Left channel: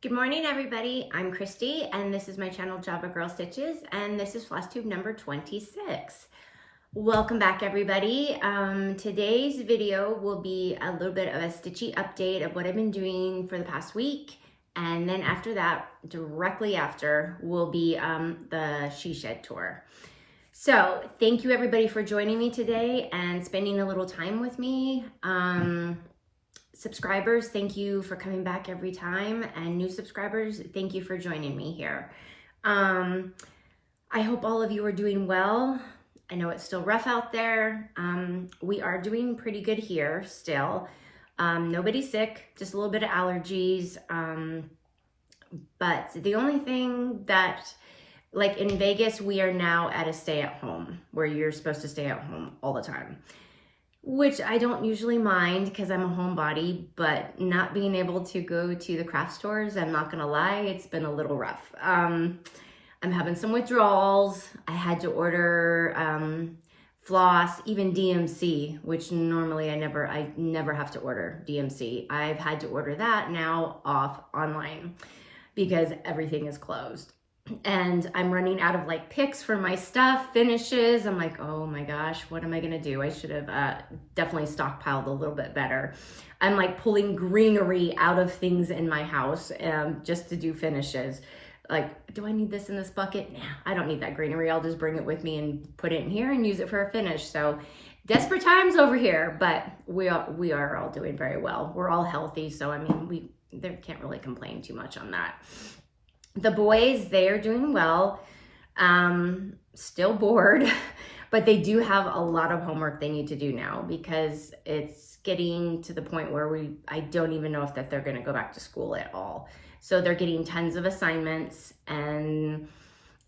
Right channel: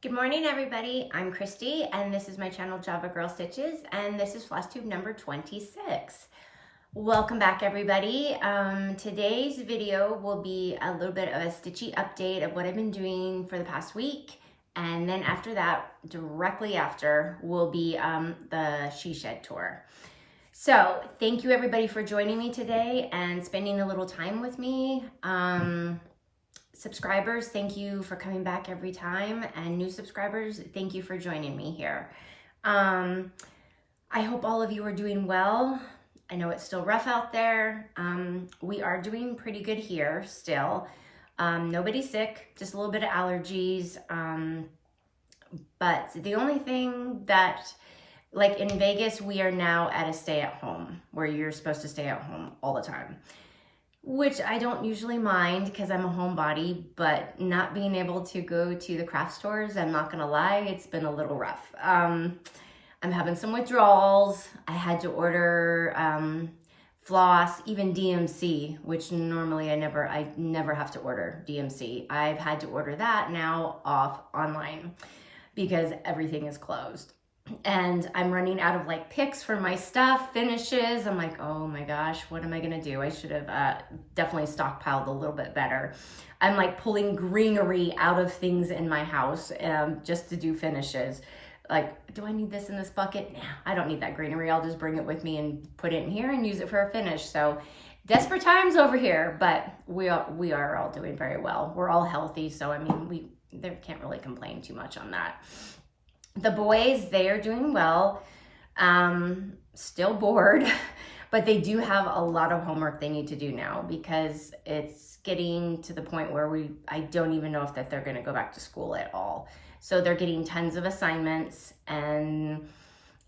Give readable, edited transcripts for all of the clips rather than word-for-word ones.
Good morning, everybody. I'm Christy, and this is my channel, Javagirlstitches, and this is Flosstube number 26. Welcome back, everybody. Today's video will be a little bit of a stitchy update of what I've been doing for the past week, and then after that, directly after, will be the She Shed tour. So thank you, everybody, for joining me today and spending a little time with me. Subscribers, thank you for coming back every time, and new subscribers, thank you for joining me here. I hope all of you are doing well. I know it's still rough out there. We are doing pretty good here still. Nobody's sick, just a little bit of allergies. But the only thing that, like in Vegas, we are now at a stay at home where you're supposed to stay at home all the time, which I don't usually mind because I'm a homebody, but not being able to go to the craft stores, I'm not gonna lie, it's been a little rough. I'm having some withdrawals. I had to order floss, even DMC, which normally I never have to order DMC. I've had to order that now off online because everything is closed. And I'm running out of like picks for my stuff, finishes. I'm like, oh my gosh, what am I gonna do? I should have definitely stockpiled a little bit better. I'm like pulling greenery out of things in my house just to do finishes. Like, do I need this in this bucket? Nah, I don't need that greenery. I'll just bring it with me and put it in here and use it for a finish. So desperate times over here, but we are all doing very well. We're all healthy. So, I mean, they can't really complain too much on that. The boys, they are doing well, still bored, but they do have a lot of homework they need to do now because it's getting to the point where I don't even know if that they're gonna go back to school at all. So they're getting tons of assignments, and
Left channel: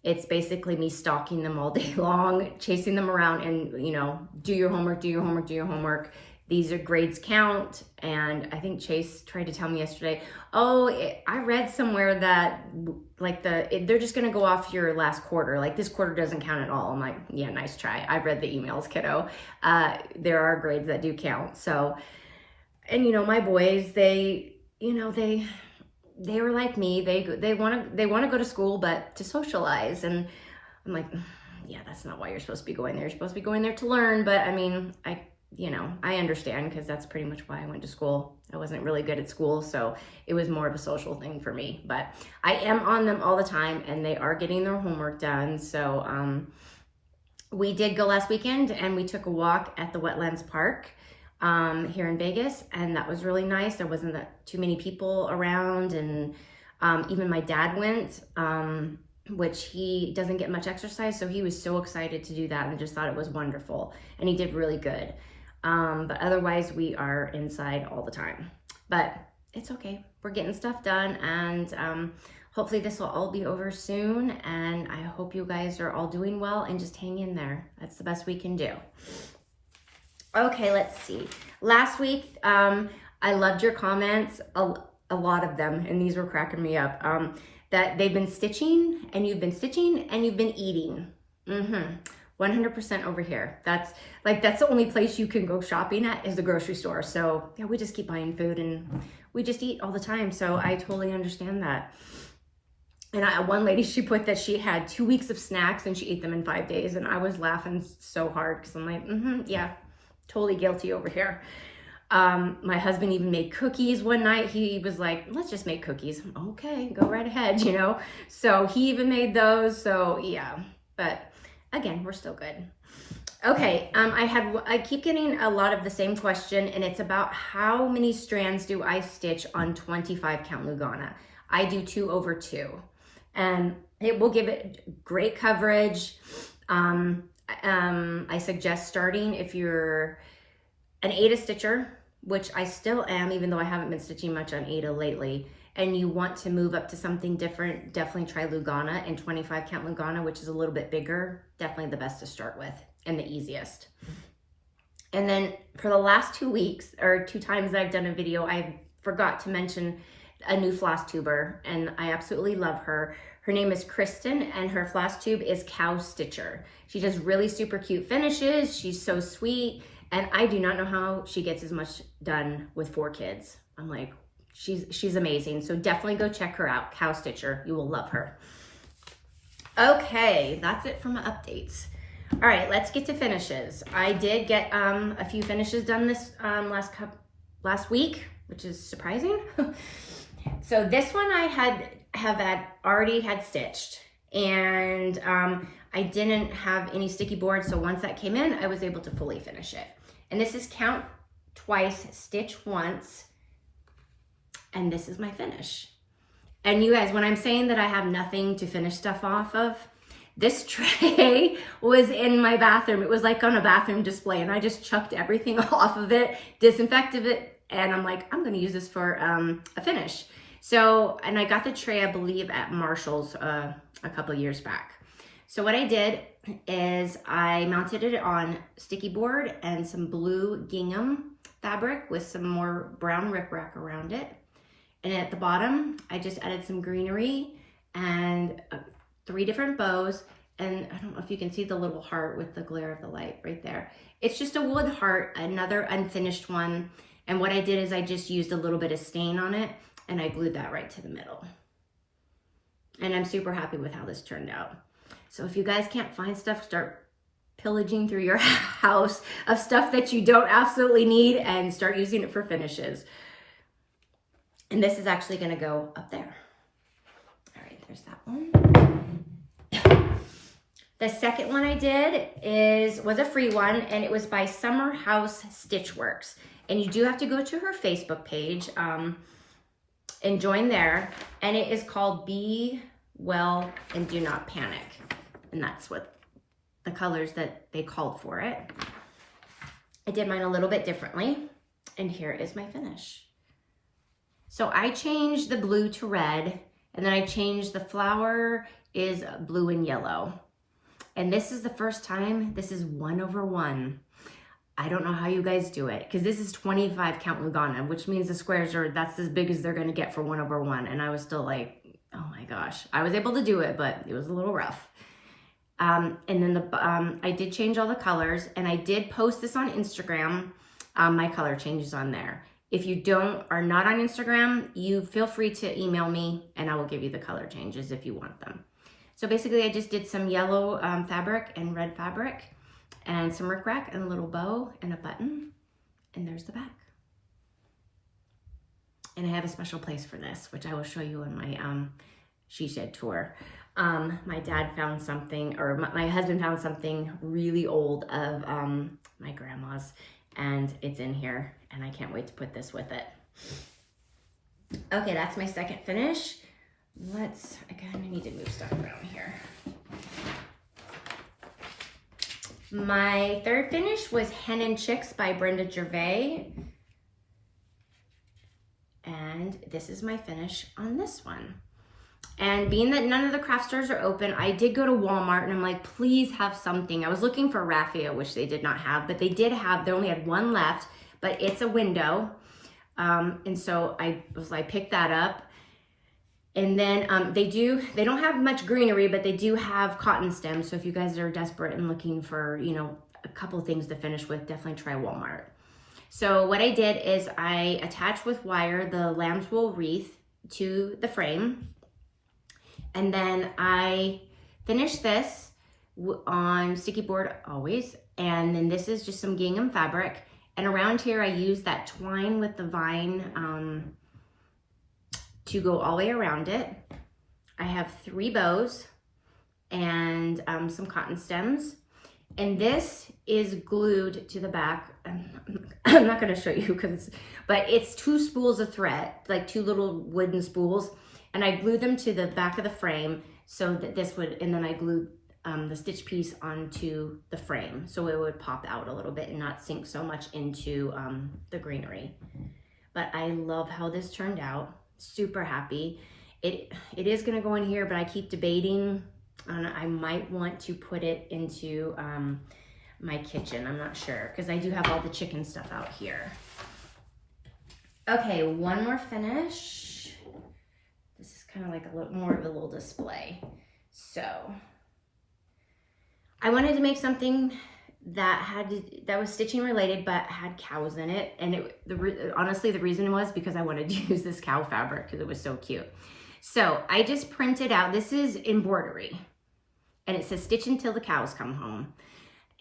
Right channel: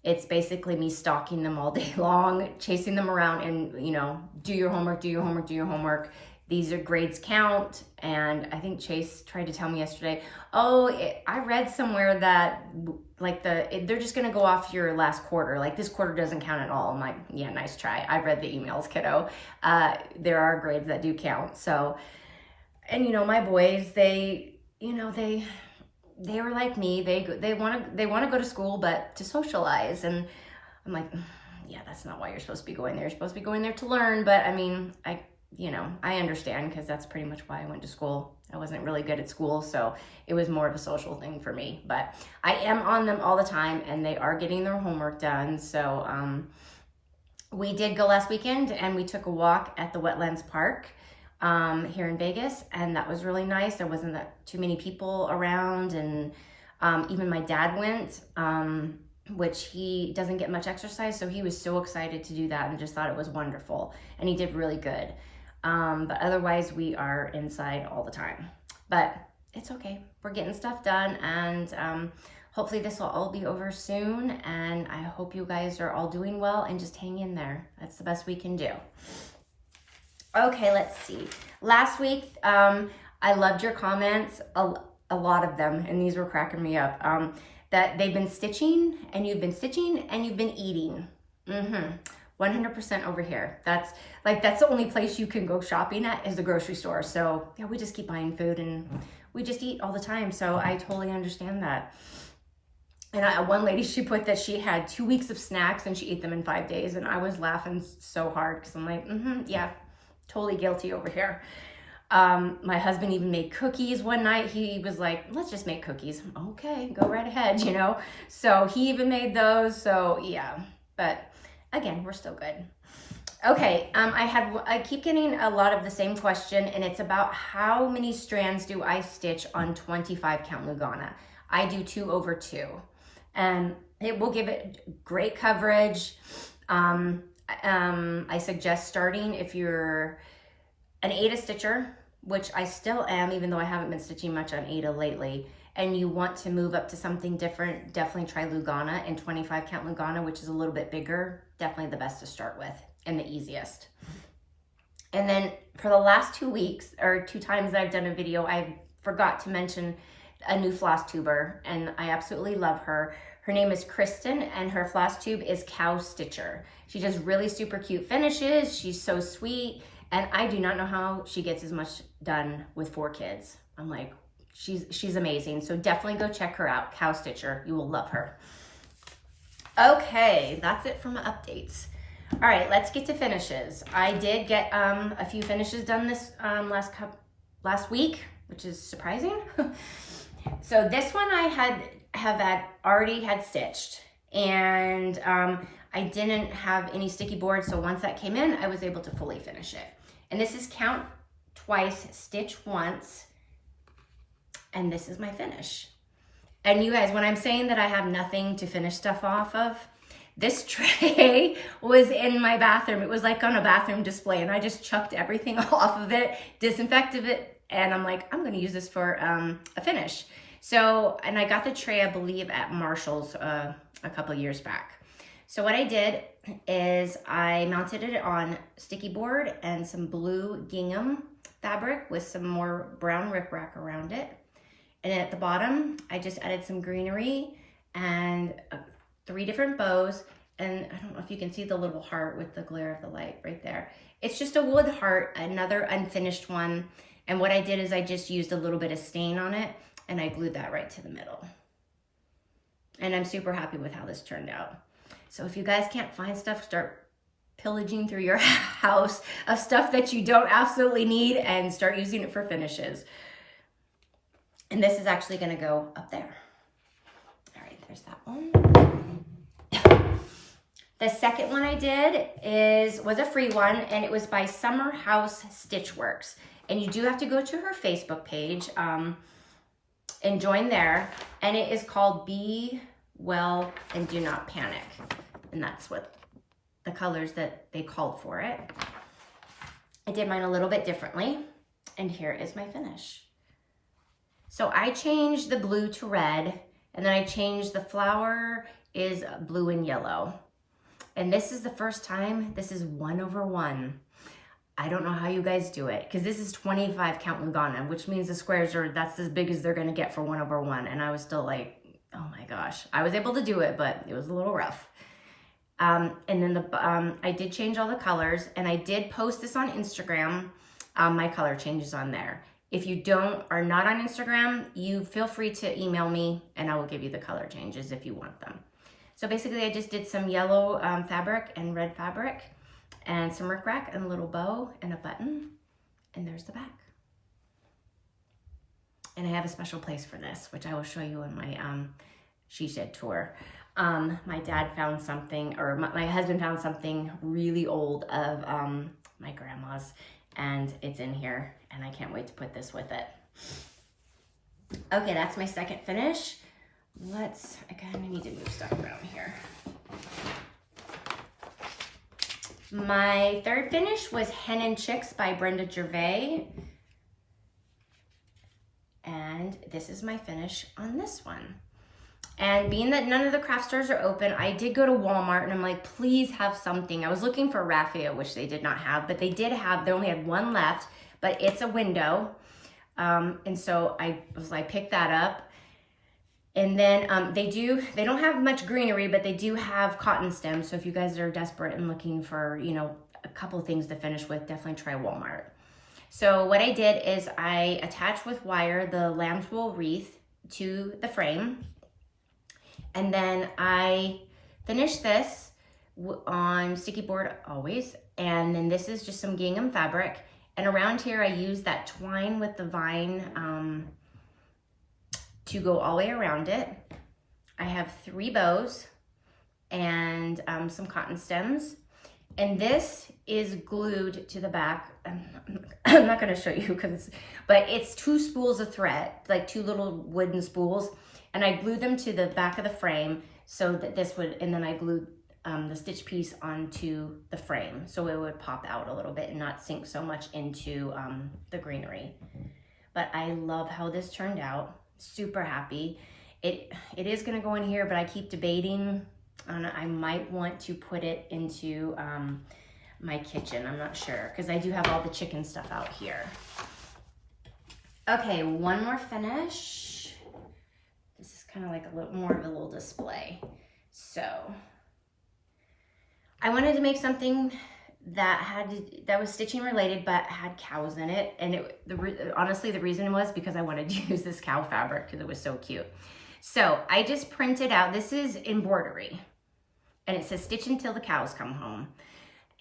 it's basically me stalking them all day long, chasing them around and, you know, do your homework, do your homework, do your homework. These are grades count. And I think Chase tried to tell me yesterday, I read somewhere that like they're just gonna go off your last quarter. Like this quarter doesn't count at all. I'm like, yeah, nice try. I've read the emails, kiddo. There are grades that do count. So, and you know, my boys, they were like me. They want to go to school, but to socialize. And I'm like, yeah, that's not why you're supposed to be going there. You're supposed to be going there to learn. But I mean, I understand because that's pretty much why I went to school. I wasn't really good at school, so it was more of a social thing for me. But I am on them all the time, and they are getting their homework done. So we did go last weekend, and we took a walk at the Wetlands Park here in Vegas, and that was really nice. There wasn't too many people around, and even my dad went, which he doesn't get much exercise, so he was so excited to do that and just thought it was wonderful, and he did really good. But otherwise we are inside all the time, but it's okay. We're getting stuff done, and hopefully this will all be over soon, and I hope you guys are all doing well and just hang in there. That's the best we can do. Okay, let's see. Last week, I loved your comments, a lot of them, and these were cracking me up, that they've been stitching, and you've been stitching, and you've been eating. 100% over here. That's the only place you can go shopping at is the grocery store. So yeah, we just keep buying food and we just eat all the time. So I totally understand that. And one lady, she put that she had 2 weeks of snacks and she ate them in 5 days. And I was laughing so hard because I'm like, yeah, totally guilty over here. My husband even made cookies one night. He was like, let's just make cookies. Okay, go right ahead, you know? So he even made those. So yeah, but again, we're still good. Okay, I keep getting a lot of the same question, and it's about how many strands do I stitch on 25 count Lugana. I do 2 over 2, and it will give it great coverage. I suggest starting if you're an Aida stitcher, which I still am, even though I haven't been stitching much on Aida lately, and you want to move up to something different, definitely try Lugana and 25 count Lugana, which is a little bit bigger. Definitely the best to start with and the easiest. And then for the last 2 weeks, or 2 times that I've done a video, I forgot to mention a new Flosstuber, and I absolutely love her. Her name is Kristen, and her Flosstube is Cowstitcher. She does really super cute finishes. She's so sweet, and I do not know how she gets as much done with 4 kids. I'm like, she's amazing. So definitely go check her out, Cowstitcher. You will love her. Okay, that's it from updates. All right, let's get to finishes. I did get a few finishes done this last week, which is surprising. So this one I have already had stitched, and I didn't have any sticky board, so once that came in, I was able to fully finish it. And this is count twice, stitch once, and this is my finish. And you guys, when I'm saying that I have nothing to finish stuff off of, this tray was in my bathroom. It was like on a bathroom display, and I just chucked everything off of it, disinfected it, and I'm like, I'm gonna use this for a finish. So, and I got the tray, I believe, at Marshall's a couple years back. So what I did is I mounted it on sticky board and some blue gingham fabric with some more brown riprap around it. And at the bottom, I just added some greenery and 3 different bows. And I don't know if you can see the little heart with the glare of the light right there. It's just a wood heart, another unfinished one. And what I did is I just used a little bit of stain on it, and I glued that right to the middle. And I'm super happy with how this turned out. So if you guys can't find stuff, start pillaging through your house of stuff that you don't absolutely need and start using it for finishes. And this is actually gonna go up there. All right, there's that one. The second one I did was a free one, and it was by Summer House Stitchworks. And you do have to go to her Facebook page and join there. And it is called Be Well and Do Not Panic. And that's what the colors that they called for it. I did mine a little bit differently. And here is my finish. So I changed the blue to red, and then I changed the flower is blue and yellow. And this is the first time, this is 1/1. I don't know how you guys do it, because this is 25 count Lugana, which means the squares that's as big as they're gonna get for 1/1. And I was still like, oh my gosh. I was able to do it, but it was a little rough. And then I did change all the colors, and I did post this on Instagram, my color changes on there. If you are not on Instagram, you feel free to email me, and I will give you the color changes if you want them. So basically, I just did some yellow fabric and red fabric, and some rickrack and a little bow and a button, and there's the back. And I have a special place for this, which I will show you in my she shed tour. My dad found something, or my husband found something really old of my grandma's, and it's in here, and I can't wait to put this with it. Okay, that's my second finish. I kind of need to move stuff around here. My third finish was Hen and Chicks by Brenda Gervais. And this is my finish on this one. And being that none of the craft stores are open, I did go to Walmart, and I'm like, please have something. I was looking for raffia, which they did not have, but they only had one left, but it's a window. And so I picked that up. And then they don't have much greenery, but they do have cotton stems. So if you guys are desperate and looking for, a couple things to finish with, definitely try Walmart. So what I did is I attached with wire the lamb's wool wreath to the frame. And then I finished this on sticky board always. And then this is just some gingham fabric. And around here I used that twine with the vine to go all the way around it. I have 3 bows and some cotton stems. And this is glued to the back. I'm not gonna show you but it's 2 spools of thread, like 2 little wooden spools. And I glued them to the back of the frame so that and then I glued the stitch piece onto the frame so it would pop out a little bit and not sink so much into the greenery. But I love how this turned out. Super happy. It is gonna go in here, but I keep debating on I might want to put it into my kitchen. I'm not sure, because I do have all the chicken stuff out here. Okay, one more finish. This is kind of like a little more of a little display. So I wanted to make something that was stitching related, but had cows in it. And honestly, the reason was because I wanted to use this cow fabric because it was so cute. So I just printed out, this is embroidery, and it says stitch until the cows come home.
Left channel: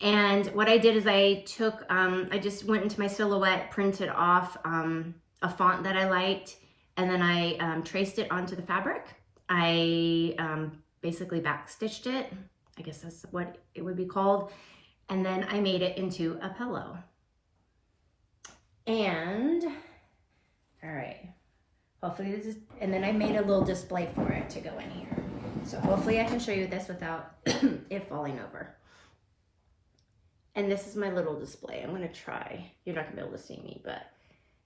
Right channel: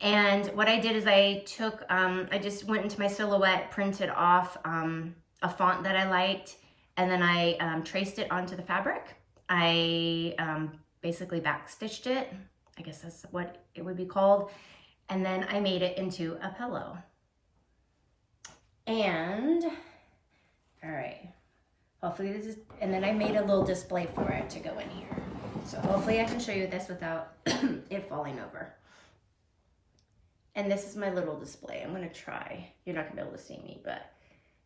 And what I did is I took, I just went into my silhouette, printed off a font that I liked, and then I traced it onto the fabric. I basically backstitched it. I guess that's what it would be called. And then I made it into a pillow. And, all right, hopefully this is, and then I made a little display for it to go in here. So hopefully I can show you this without it falling over. And this is my little display. I'm gonna try. You're not gonna be able to see me, but.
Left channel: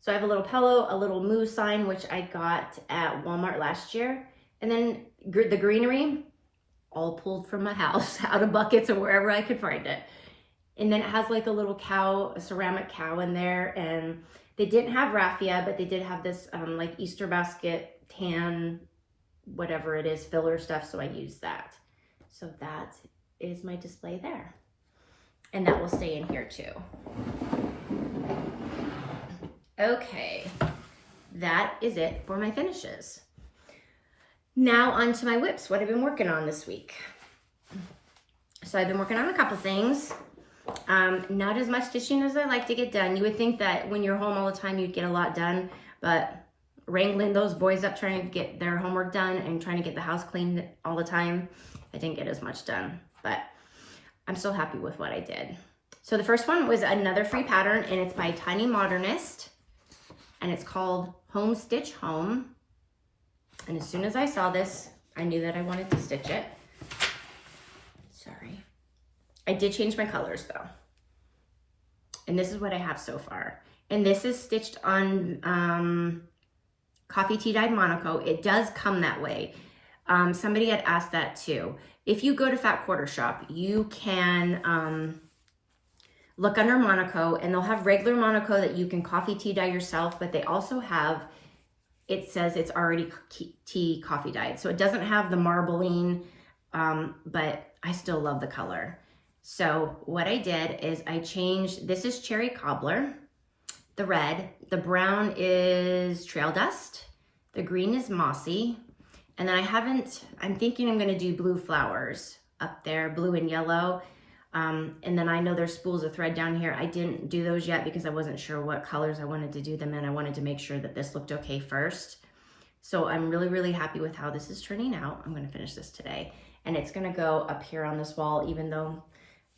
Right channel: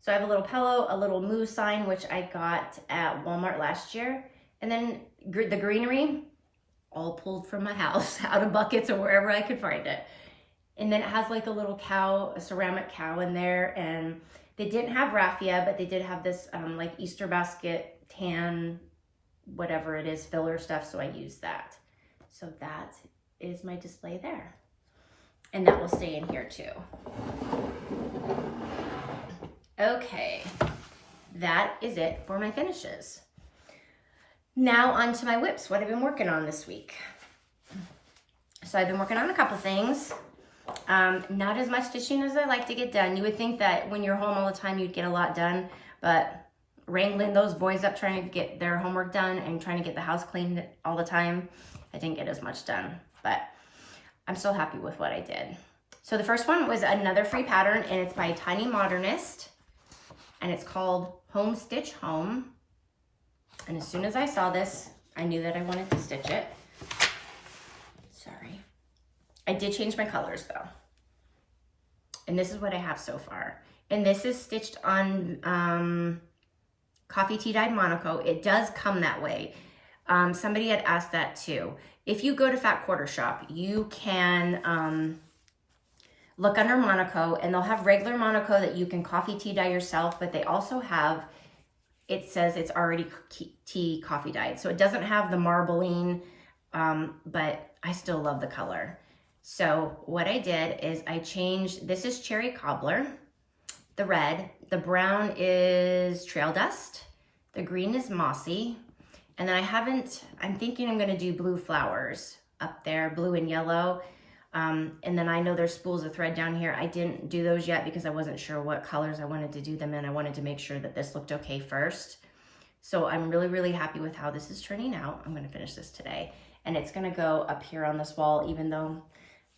So I have a little pillow, a little moo sign, which I got at Walmart last year. And then the greenery, all pulled from my house, out of buckets or wherever I could find it. And then it has like a little cow, a ceramic cow in there. And they didn't have raffia, but they did have this like Easter basket, tan, whatever it is, filler stuff. So I used that. So that is my display there. And that will stay in here too. Okay, that is it for my finishes. Now on to my whips, what I've been working on this week. So I've been working on a couple things. Not as much stitching as I like to get done. You would think that when you're home all the time, you'd get a lot done, but wrangling those boys up, trying to get their homework done and trying to get the house cleaned all the time, I didn't get as much done, but I'm still happy with what I did. So the first one was another free pattern, and it's by Tiny Modernist, and it's called Home Stitch Home. And as soon as I saw this, I knew that I wanted to stitch it. Sorry. I did change my colors though. And this is what I have so far. And this is stitched on coffee tea dyed Monaco. It does come that way. Somebody had asked that too. If you go to Fat Quarter Shop, you can look under Monaco, and they'll have regular Monaco that you can coffee tea dye yourself, but they also have, it says it's already tea coffee dyed. So it doesn't have the marbling, but I still love the color. So what I did is I changed, this is Cherry Cobbler, the red, the brown is Trail Dust, the green is Mossy, and then I'm thinking I'm gonna do blue flowers up there, blue and yellow. And then I know there's spools of thread down here. I didn't do those yet because I wasn't sure what colors I wanted to do them in. I wanted to make sure that this looked okay first. So I'm really, really happy with how this is turning out. I'm gonna finish this today. And it's gonna go up here on this wall, even though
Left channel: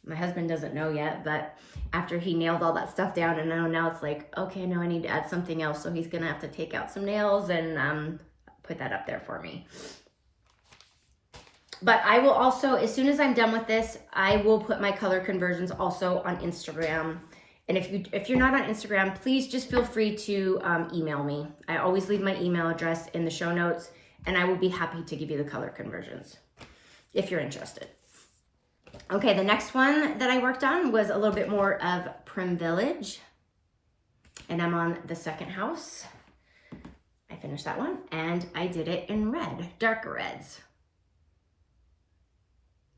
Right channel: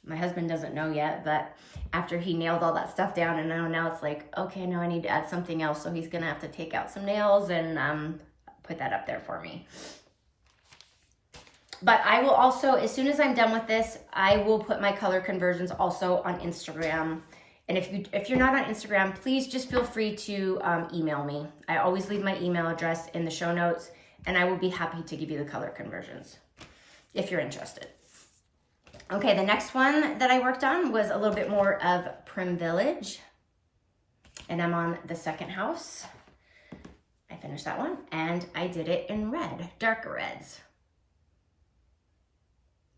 my husband doesn't know yet, but after he nailed all that stuff down, and now it's like, okay, no, I need to add something else. So he's gonna have to take out some nails and put that up there for me. But I will also, as soon as I'm done with this, I will put my color conversions also on Instagram. And if you're not on Instagram, please just feel free to email me. I always leave my email address in the show notes, and I will be happy to give you the color conversions if you're interested. Okay, the next one that I worked on was a little bit more of Prim Village, and I'm on the second house. I finished that one, and I did it in red, darker reds.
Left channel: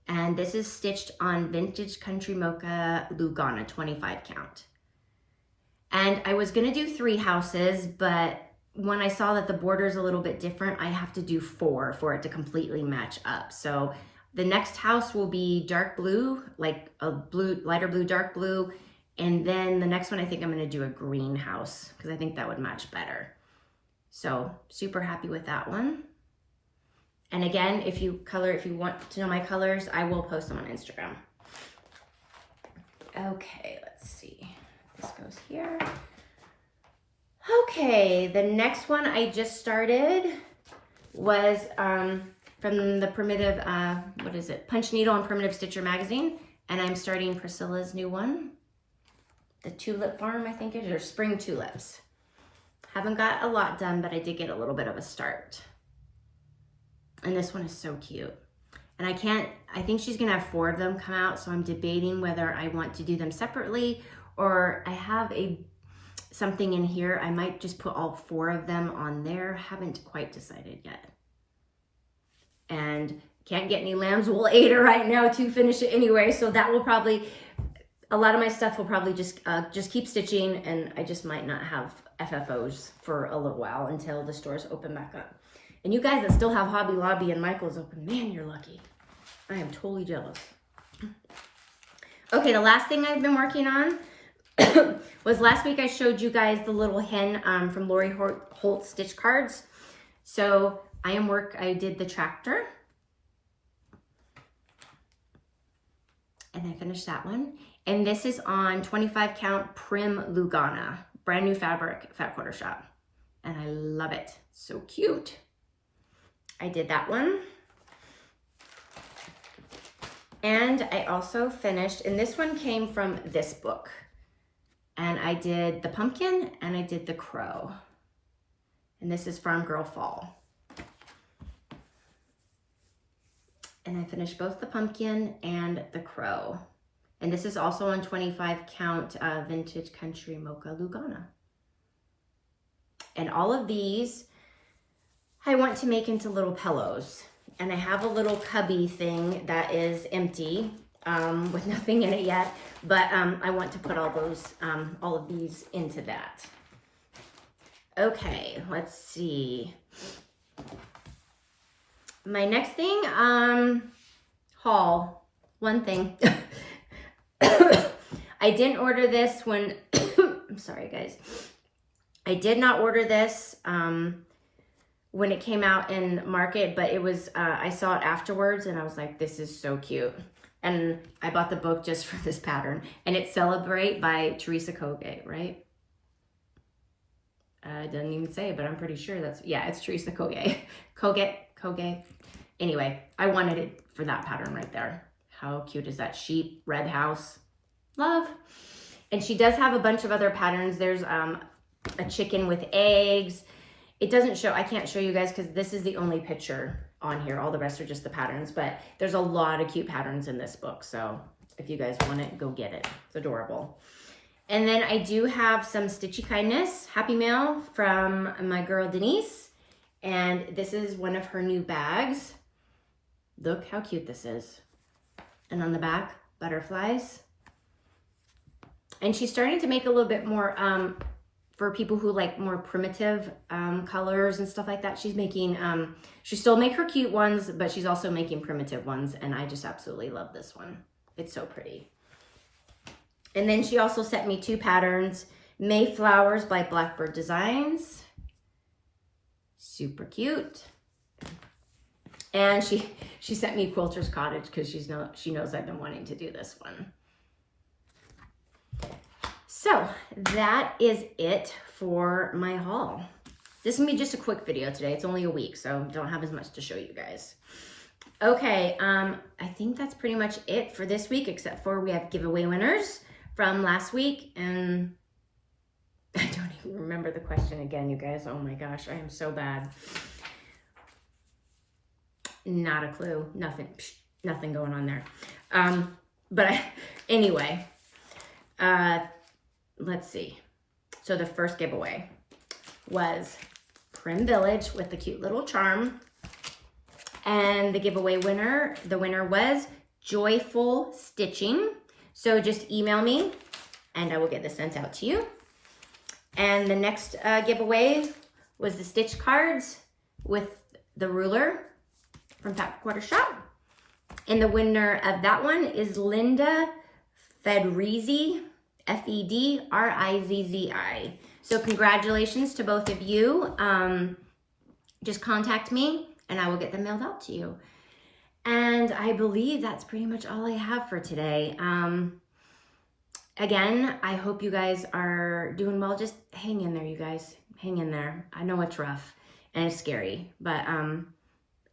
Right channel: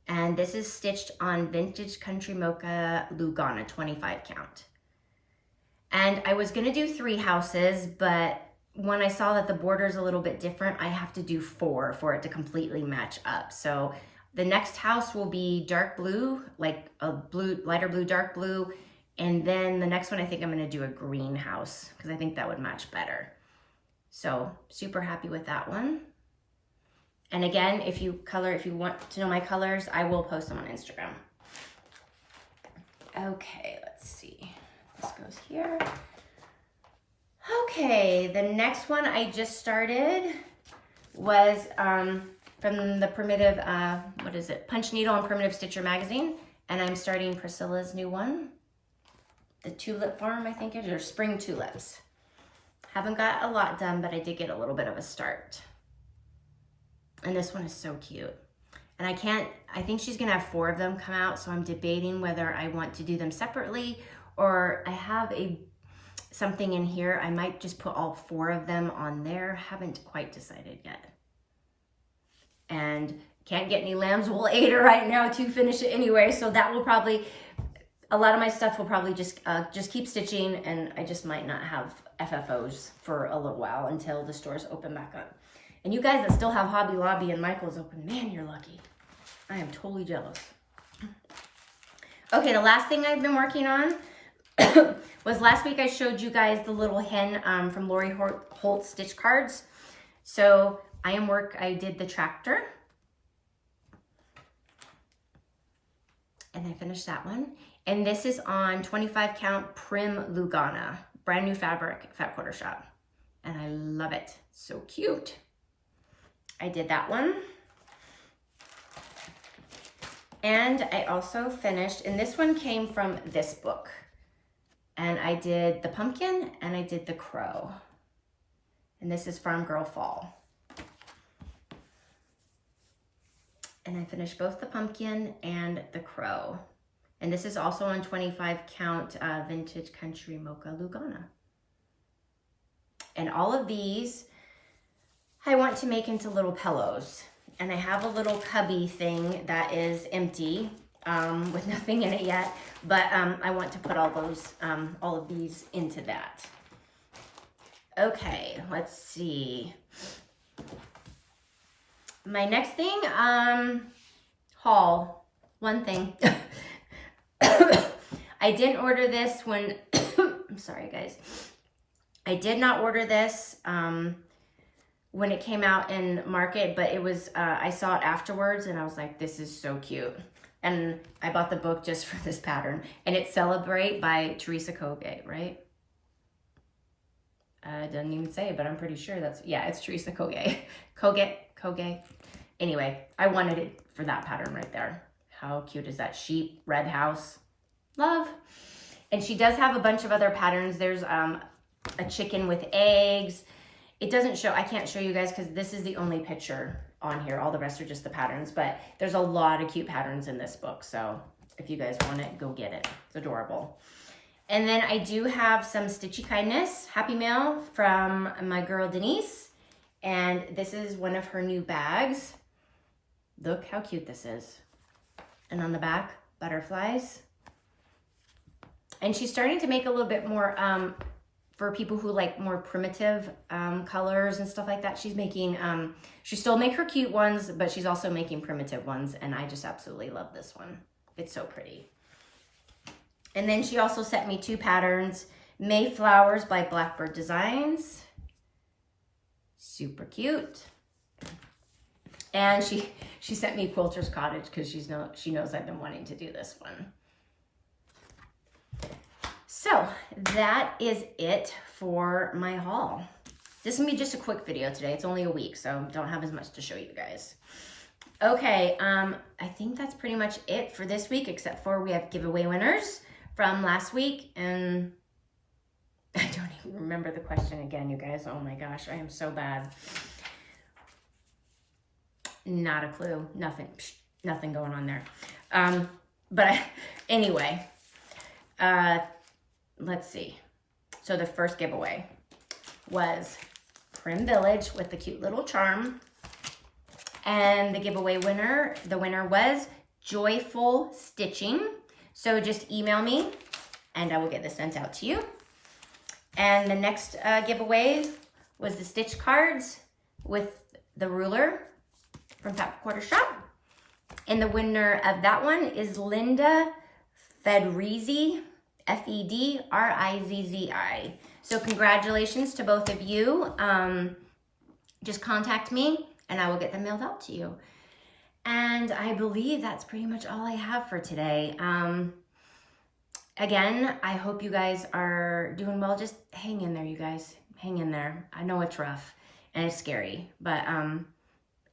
And this is stitched on Vintage Country Mocha Lugana 25 count. And I was gonna do 3 houses, but when I saw that the border is a little bit different, I have to do 4 for it to completely match up. So the next house will be dark blue, like a blue, lighter blue, dark blue. And then the next one, I think I'm gonna do a green house because I think that would match better. So super happy with that one. And again, if you want to know my colors, I will post them on Instagram. Okay, let's see. This goes here. Okay, the next one I just started was from the Primitive, Punch Needle and Primitive Stitcher magazine. And I'm starting Priscilla's new one. The Tulip Farm, I think it is, or Spring Tulips. Haven't got a lot done, but I did get a little bit of a start. And this one is so cute. And I think she's gonna have 4 of them come out, so I'm debating whether I want to do them separately, or I have something in here. I might just put all 4 of them on there. Haven't quite decided yet. And can't get any lamb's wool aider right now to finish it anyway, so that will probably, a lot of my stuff will probably just keep stitching, and I just might not have FFOs for a little while until the stores open back up. And you guys that still have Hobby Lobby and Michael's open, man, you're lucky. I am totally jealous. Okay, the last thing I've been working on was last week I showed you guys the little hen from Lori Holt stitch cards. So I did the tractor. And I finished that one. And this is on 25 count Prim Lugana, brand new fabric, Fat Quarter Shop. And I love it, so cute. I did that one. And I also finished, and this one came from this book. And I did the pumpkin and I did the crow. And this is Farm Girl Fall. And I finished both the pumpkin and the crow. And this is also on 25 count Vintage Country Mocha Lugana. And all of these I want to make into little pillows. And I have a little cubby thing that is empty with nothing in it yet. But I want to put all of these into that. Okay, let's see. My next thing, haul. One thing. I didn't order this when, I'm sorry guys. I did not order this when it came out in market, but it was, I saw it afterwards and I was like, this is so cute. And I bought the book just for this pattern. And it's Celebrate by Teresa Koge, right? It doesn't even say it, but I'm pretty sure that's, yeah, it's Teresa Koge. Koge. Anyway, I wanted it for that pattern right there. How cute is that? Sheep, red house, love. And she does have a bunch of other patterns. There's a chicken with eggs. It doesn't show, I can't show you guys because this is the only picture on here. All the rest are just the patterns, but there's a lot of cute patterns in this book. So if you guys want it, go get it. It's adorable. And then I do have some Stitchy Kindness Happy Mail from my girl Denise. And this is one of her new bags. Look how cute this is. And on the back, butterflies. And she's starting to make a little bit more, for people who like more primitive colors and stuff like that. She's making, she still make her cute ones, but she's also making primitive ones. And I just absolutely love this one. It's so pretty. And then she also sent me 2 patterns. Mayflowers by Blackbird Designs. Super cute. And she sent me Quilter's Cottage because she knows I've been wanting to do this one. So that is it for my haul. This is gonna be just a quick video today. It's only a week, so don't have as much to show you guys. Okay, I think that's pretty much it for this week, except for we have giveaway winners from last week, and I don't even remember the question again, you guys. Oh my gosh, I am so bad. Not a clue, nothing going on there. Anyway, let's see. So the first giveaway was Prim Village with the cute little charm. And the giveaway winner, the winner was Joyful Stitching. So just email me and I will get this sent out to you. And the next giveaway was the stitch cards with the ruler from Fat Quarter Shop. And the winner of that one is Linda Fedrizzi, Fedrizzi. So congratulations to both of you. Just contact me and I will get them mailed out to you. And I believe that's pretty much all I have for today. Again, I hope you guys are doing well. Just hang in there, you guys. Hang in there. I know it's rough and it's scary, but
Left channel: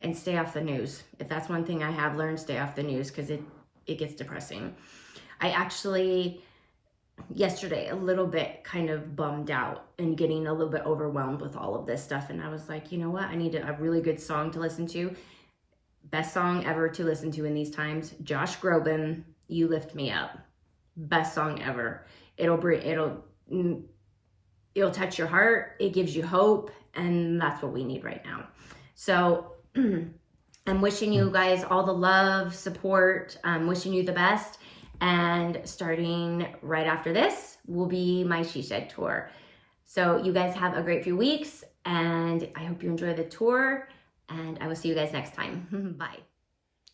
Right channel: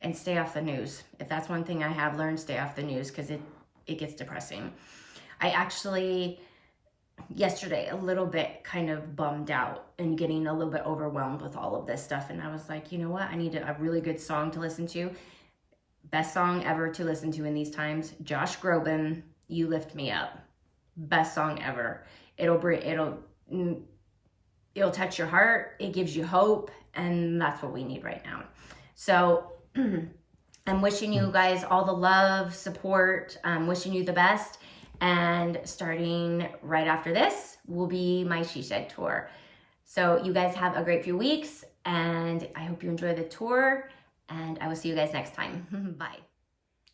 and stay off the news. If that's one thing I have learned, stay off the news because it gets depressing. I actually, yesterday, a little bit kind of bummed out and getting a little bit overwhelmed with all of this stuff. And I was like, you know what? I need a really good song to listen to. Best song ever to listen to in these times. Josh Groban, You Lift Me Up. Best song ever. It'll touch your heart. It gives you hope. And that's what we need right now. So I'm wishing you guys all the love, support. I'm wishing you the best. And starting right after this will be my She Shed tour. So you guys have a great few weeks, and I hope you enjoy the tour, and I will see you guys next time. Bye.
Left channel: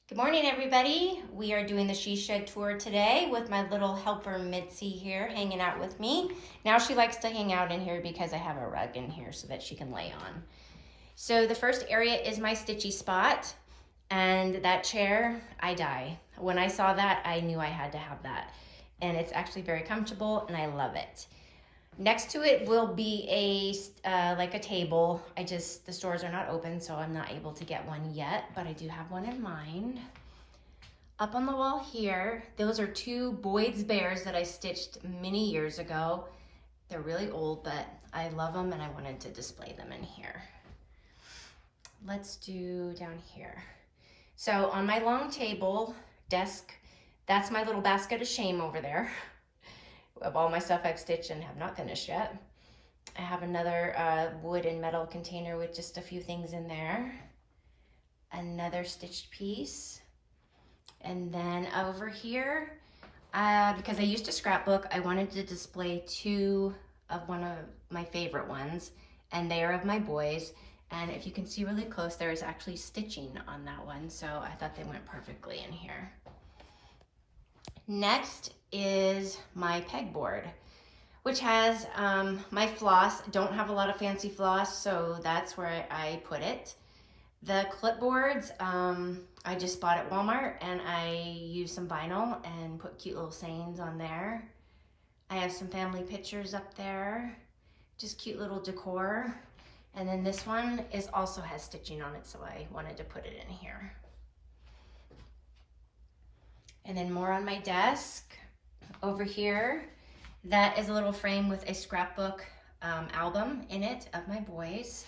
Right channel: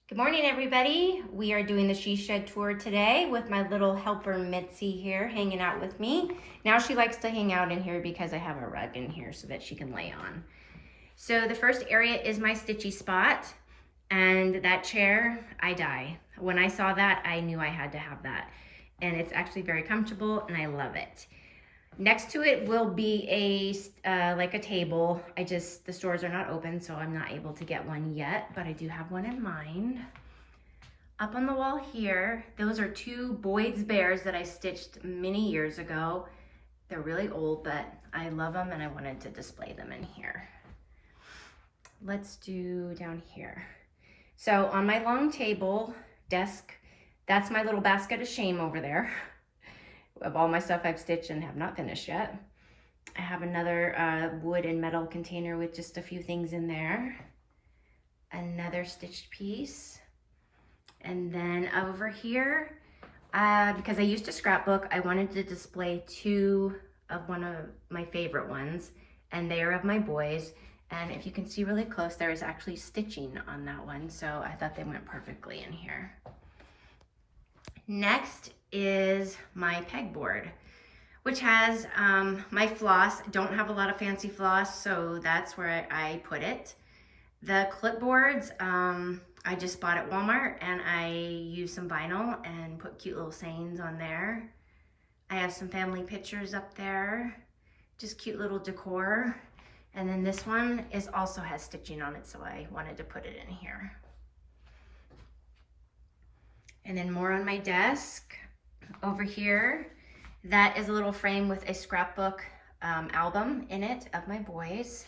Good morning, everybody. We are doing the She Shed tour today with my little helper Mitzi here hanging out with me. Now she likes to hang out in here because I have a rug in here so that she can lay on. So the first area is my stitchy spot, and that chair, I die. When I saw that, I knew I had to have that. And it's actually very comfortable and I love it. Next to it will be like a table. The stores are not open, so I'm not able to get one yet, but I do have one in mind. Up on the wall here, those are two Boyd's bears that I stitched many years ago. They're really old, but I love them and I wanted to display them in here. Let's do down here. So on my long table desk, that's my little basket of shame over there of all my stuff I've stitched and have not finished yet. I have another wood and metal container with just a few things in there. Another stitched piece. And then over here, because I used a scrapbook, I wanted to display two of one of my favorite ones, and they are of my boys. And if you can see really close, there is actually stitching on that one, so I thought they went perfectly in here. Next is my pegboard, which has my floss. Don't have a lot of fancy floss, so that's where I put it. The clipboards, I just bought at Walmart, and I used some vinyl and put cute little sayings on there. I have some family pictures up there, just cute little decor. And then this one also has stitching on it, so I wanted to put it in here. And then more on my desk. Over here, that is a little frame with a scrapbook album in it of my boys.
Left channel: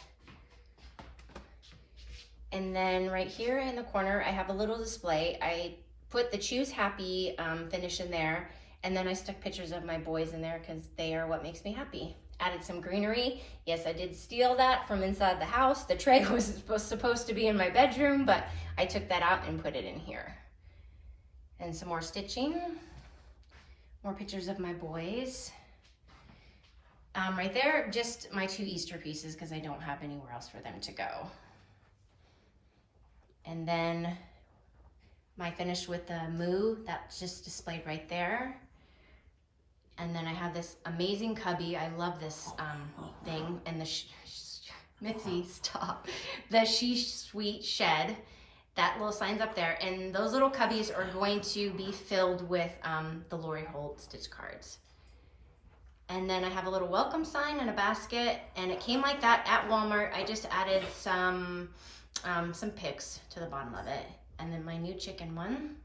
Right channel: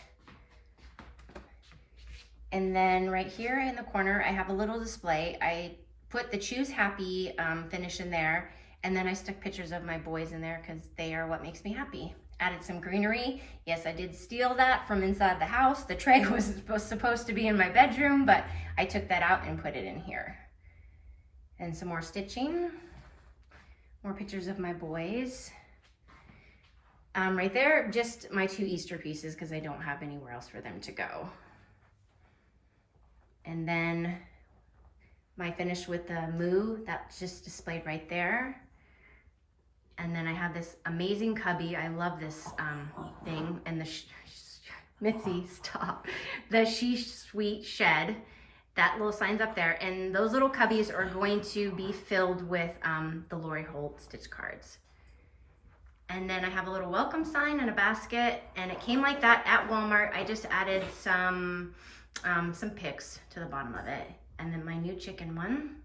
And then right here in the corner, I have a little display. I put the Choose Happy finish in there, and then I stuck pictures of my boys in there because they are what makes me happy. Added some greenery. Yes, I did steal that from inside the house. The tray was supposed to be in my bedroom, but I took that out and put it in here. And some more stitching. More pictures of my boys. Right there, just my two Easter pieces because I don't have anywhere else for them to go. And then my finish with the moo, that's just displayed right there. And then I have this amazing cubby. I love this thing. And the Mitzi, stop. The She Sweet Shed. That little sign's up there. And those little cubbies are going to be filled with the Lori Holt stitch cards. And then I have a little welcome sign and a basket. And it came like that at Walmart. I just added some pics to the bottom of it. And then my new chicken one.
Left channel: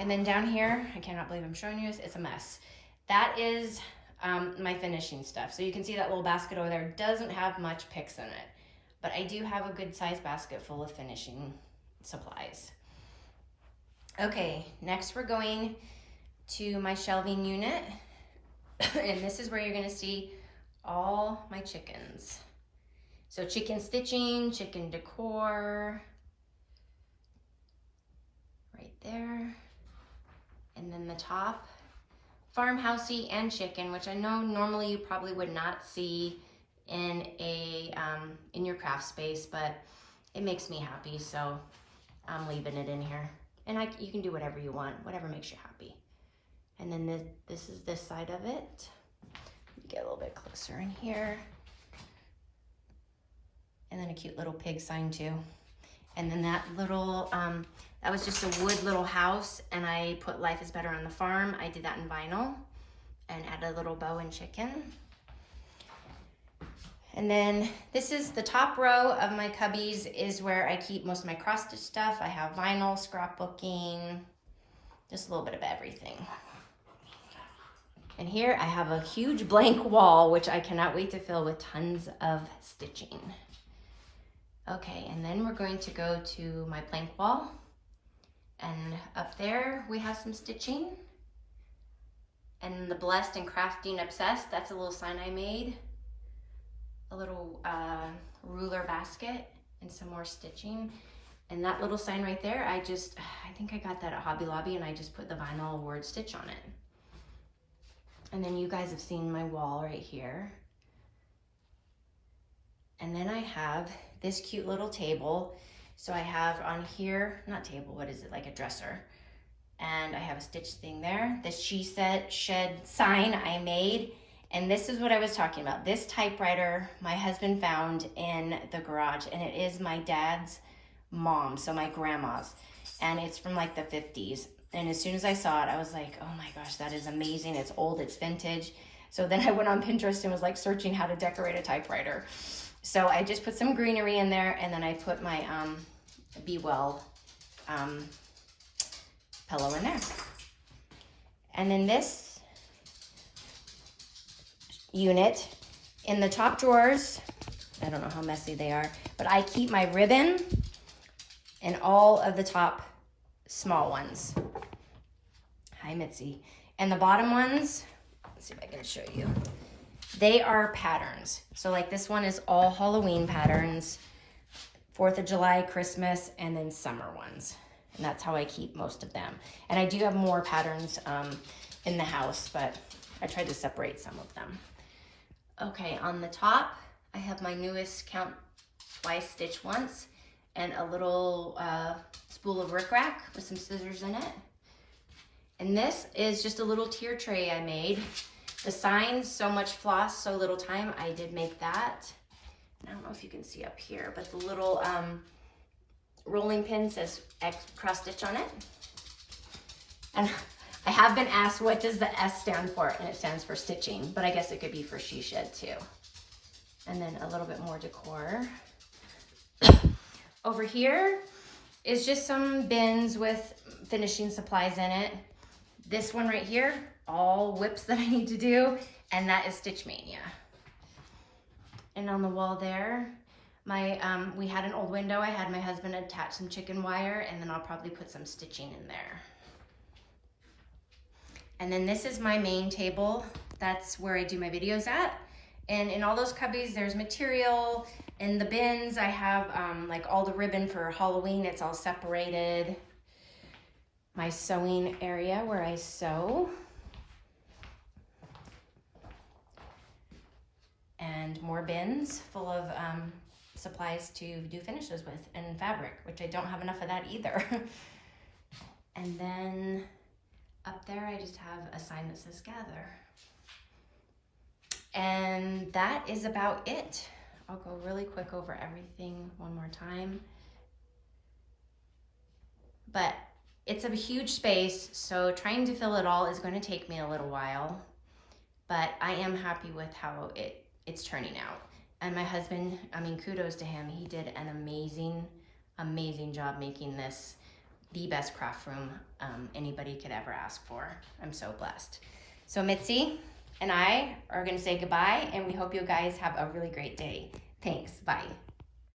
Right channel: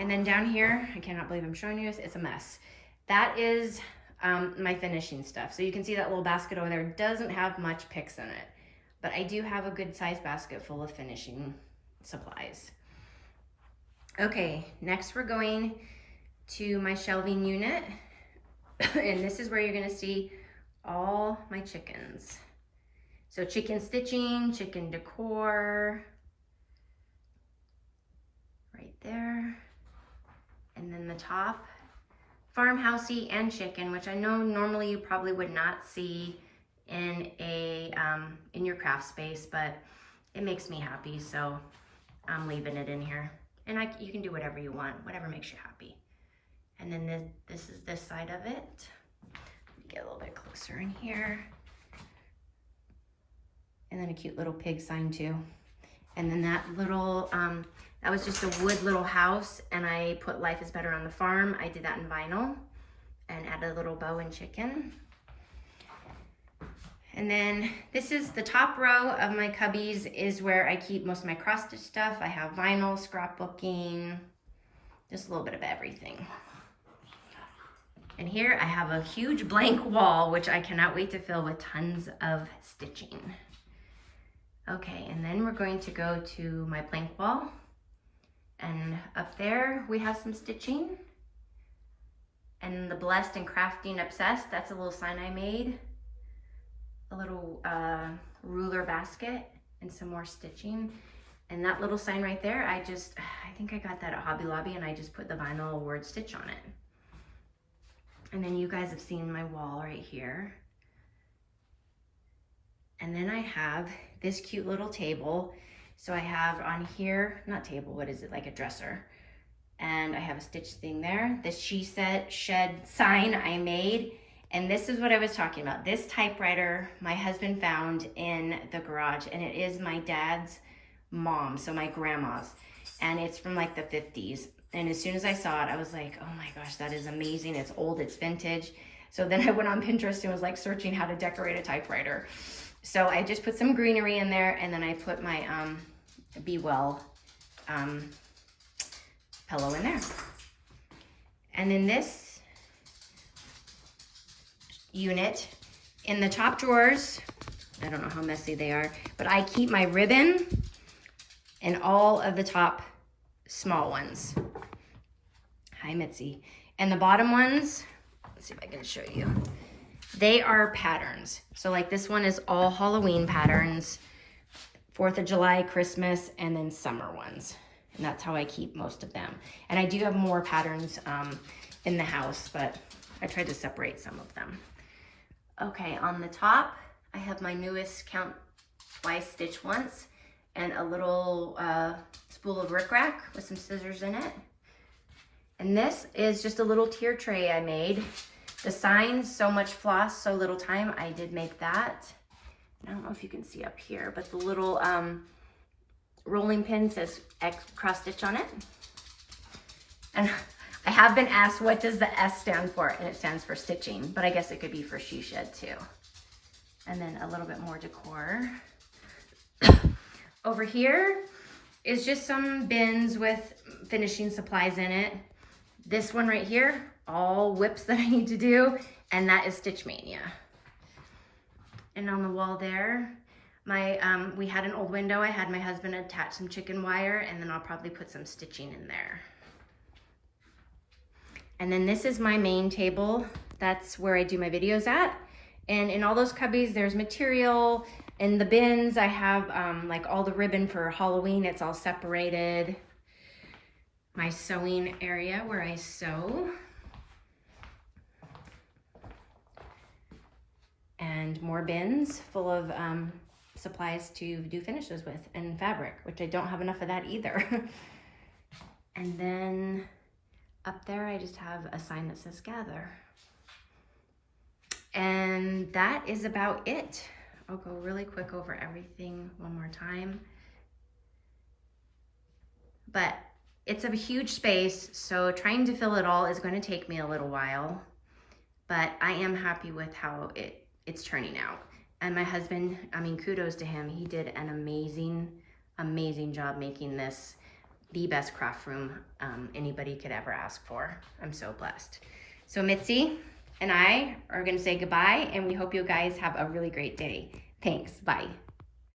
And then down here, I cannot believe I'm showing you this, it's a mess. That is my finishing stuff. So you can see that little basket over there doesn't have much picks in it, but I do have a good sized basket full of finishing supplies. Okay, next we're going to my shelving unit. And this is where you're gonna see all my chickens. So chicken stitching, chicken decor, right there. And then the top, farmhousey and chicken, which I know normally you probably would not see in in your craft space, but it makes me happy, so I'm leaving it in here. And you can do whatever you want, whatever makes you happy. And then this is this side of it. Get a little bit closer in here. And then a cute little pig sign too. And then that little, that was just a wood little house, and I put Life is Better on the Farm. I did that in vinyl and added a little bow and chicken. And then this is the top row of my cubbies is where I keep most of my cross stitch stuff. I have vinyl, scrapbooking, just a little bit of everything. And here I have a huge blank wall, which I cannot wait to fill with tons of stitching. Okay, and then we're going to go to my blank wall. And up there we have some stitching. And the Blessed and Crafting Obsessed, that's a little sign I made. A little ruler basket and some more stitching. And that little sign right there, I think I got that at Hobby Lobby, and I just put the vinyl word stitch on it. And then you guys have seen my wall right here. And then I have this cute little table. So I have on here, not table, what is it, like a dresser. And I have a stitch thing there. The She Said Shed sign I made. And this is what I was talking about. This typewriter my husband found in the garage, and it is my dad's mom, so my grandma's. And it's from like the 50s. And as soon as I saw it, I was like, oh my gosh, that is amazing. It's old, it's vintage. So then I went on Pinterest and was like searching how to decorate a typewriter. So I just put some greenery in there, and then I put my Be Well pillow in there. And then this unit, in the top drawers, I don't know how messy they are, but I keep my ribbon and all of the top small ones. Hi, Mitzi. And the bottom ones, let's see if I can show you. They are patterns. So like this one is all Halloween patterns, 4th of July, Christmas, and then summer ones. And that's how I keep most of them. And I do have more patterns in the house, but I tried to separate some of them. Okay, on the top, I have my newest Count Twice Stitch Once, and a little spool of rickrack with some scissors in it. And this is just a little tier tray I made. The sign, So Much Floss, So Little Time, I did make that. And I don't know if you can see up here, but the little rolling pin says cross stitch on it. And I have been asked, what does the S stand for? And it stands for stitching, but I guess it could be for She Shed too. And then a little bit more decor. Over here is just some bins with finishing supplies in it. This one right here, all whips that I need to do, and that is Stitch Mania. And on the wall there, we had an old window. I had my husband attach some chicken wire, and then I'll probably put some stitching in there. And then this is my main table. That's where I do my videos at. And in all those cubbies, there's material. In the bins, I have like all the ribbon for Halloween. It's all separated. My sewing area where I sew. And more bins full of supplies to do finishes with, and fabric, which I don't have enough of that either. And then up there, I just have a sign that says gather. And that is about it. I'll go really quick over everything one more time. But it's a huge space, so trying to fill it all is going to take me a little while. But I am happy with how it's turning out. And my husband, I mean, kudos to him. He did an amazing, amazing job making this the best craft room anybody could ever ask for. I'm so blessed. So Mitzi and I are gonna say goodbye, and we hope you guys have a really great day. Thanks, bye.